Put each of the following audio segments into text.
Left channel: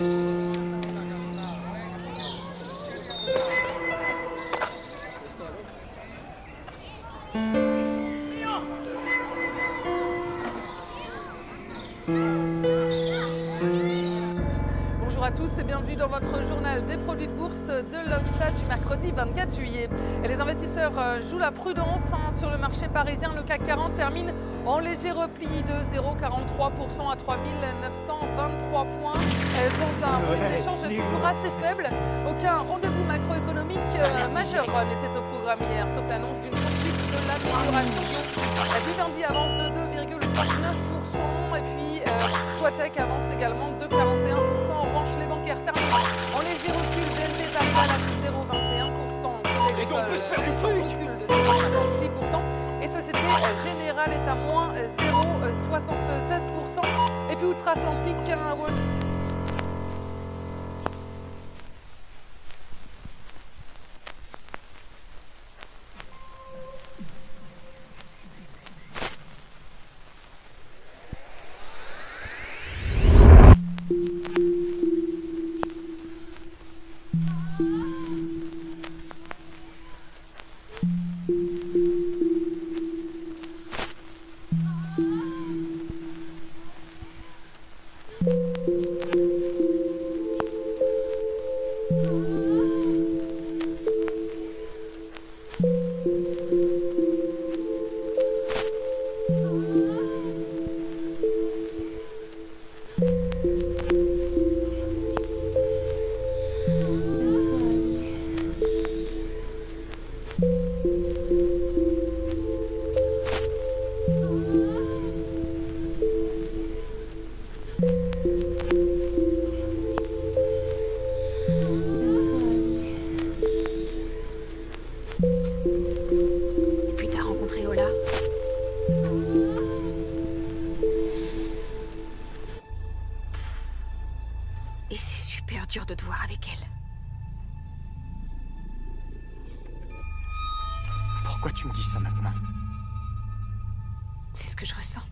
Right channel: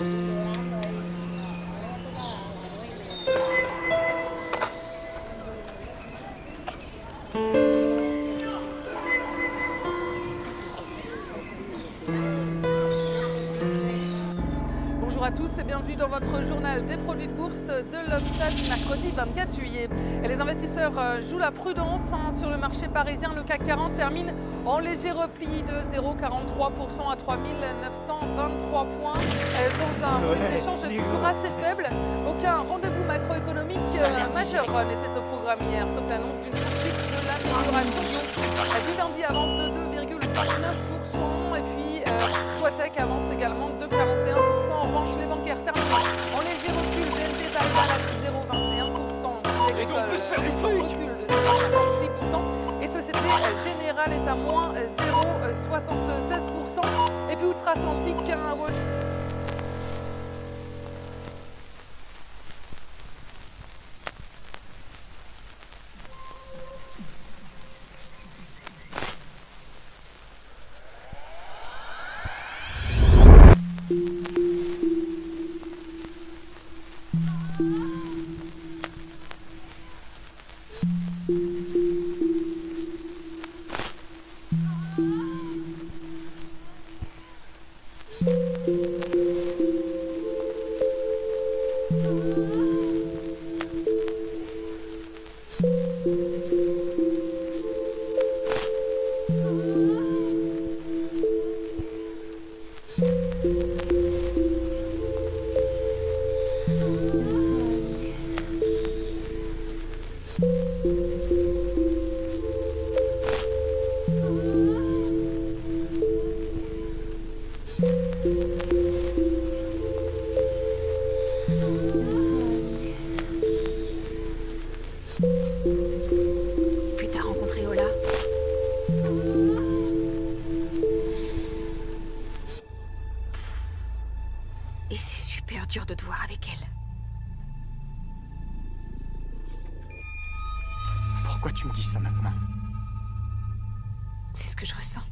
Bonjour à tous et bienvenue dans votre journal des produits de bourse de l'Obsa du mercredi 24 juillet. Et les investisseurs jouent la prudence sur le marché parisien. Le CAC 40 termine en léger repli de 0,43% à 3923 points dans un volume d'échange toujours assez faible. Aucun rendez-vous macroéconomique majeur n'était au programme hier, sauf l'annonce d'une poursuite de l'amélioration du lundi avance de 2,39% et puis Soitec avance également de 41%. En revanche, les bancaires terminent en léger recul. BNP Paribas lâche 0,21%. Crédit Agricole recule de 0,56%. Et Société Générale est à moins 0,76%. Et puis outre-Atlantique, Et c'est super dur de te voir avec elle. Pourquoi tu me dis ça maintenant? C'est ce que je ressens.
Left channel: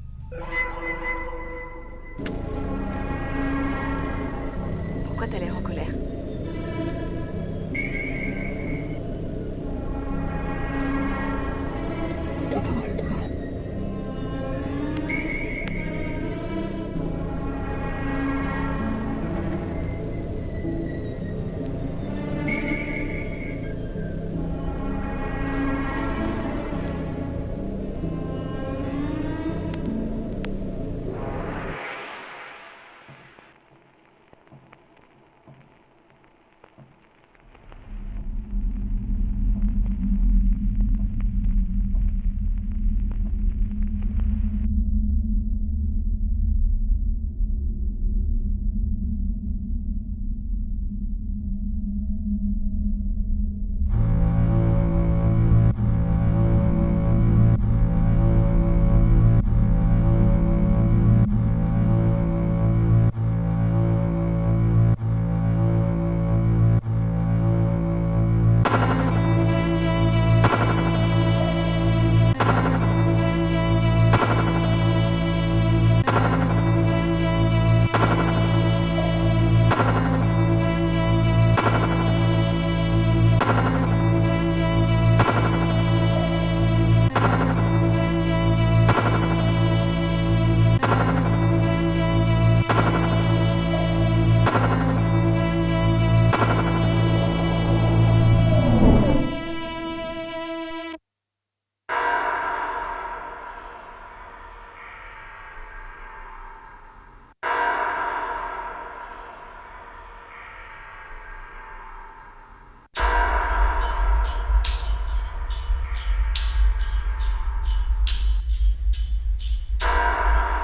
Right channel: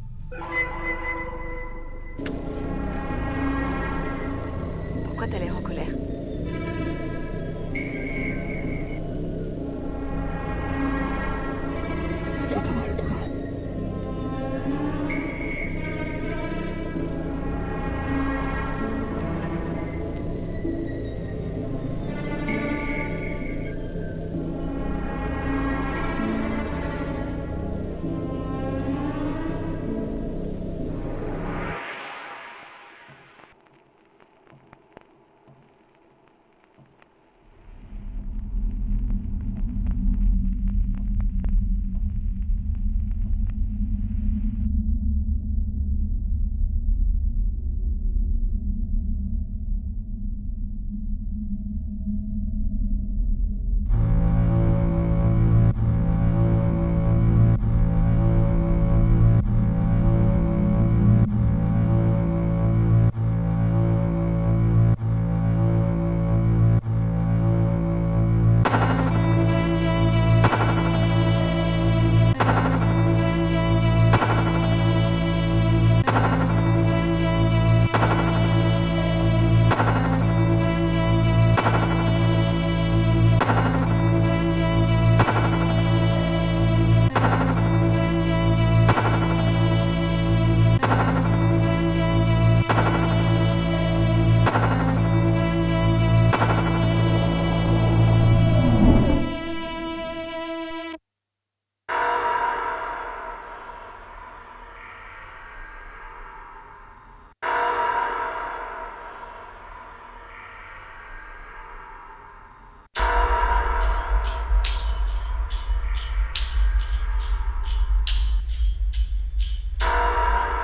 Pourquoi t'as l'air en colère?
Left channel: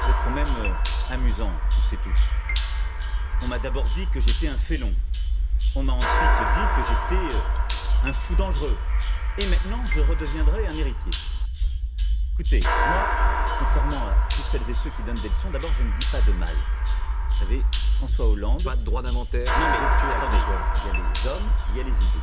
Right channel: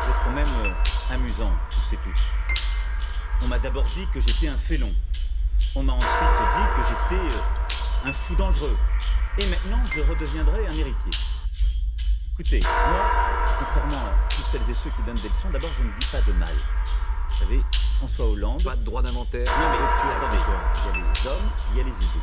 Vous êtes quand même amusant, tous et toutes. On m'a d'abord dit que j'étais un félon. On m'a ensuite dit que j'étais un fou dangereux. Et maintenant, je redeviendrai un héritier. Écoutez, moi, contrairement à toutes celles et ceux qui donnent des leçons, d'abord, je ne dis pas de mal. Vous savez, François Hollande... Pas de droit d'inventaire, Non mais rupture attendez, avec François. il y a les hommes, il y a les idées.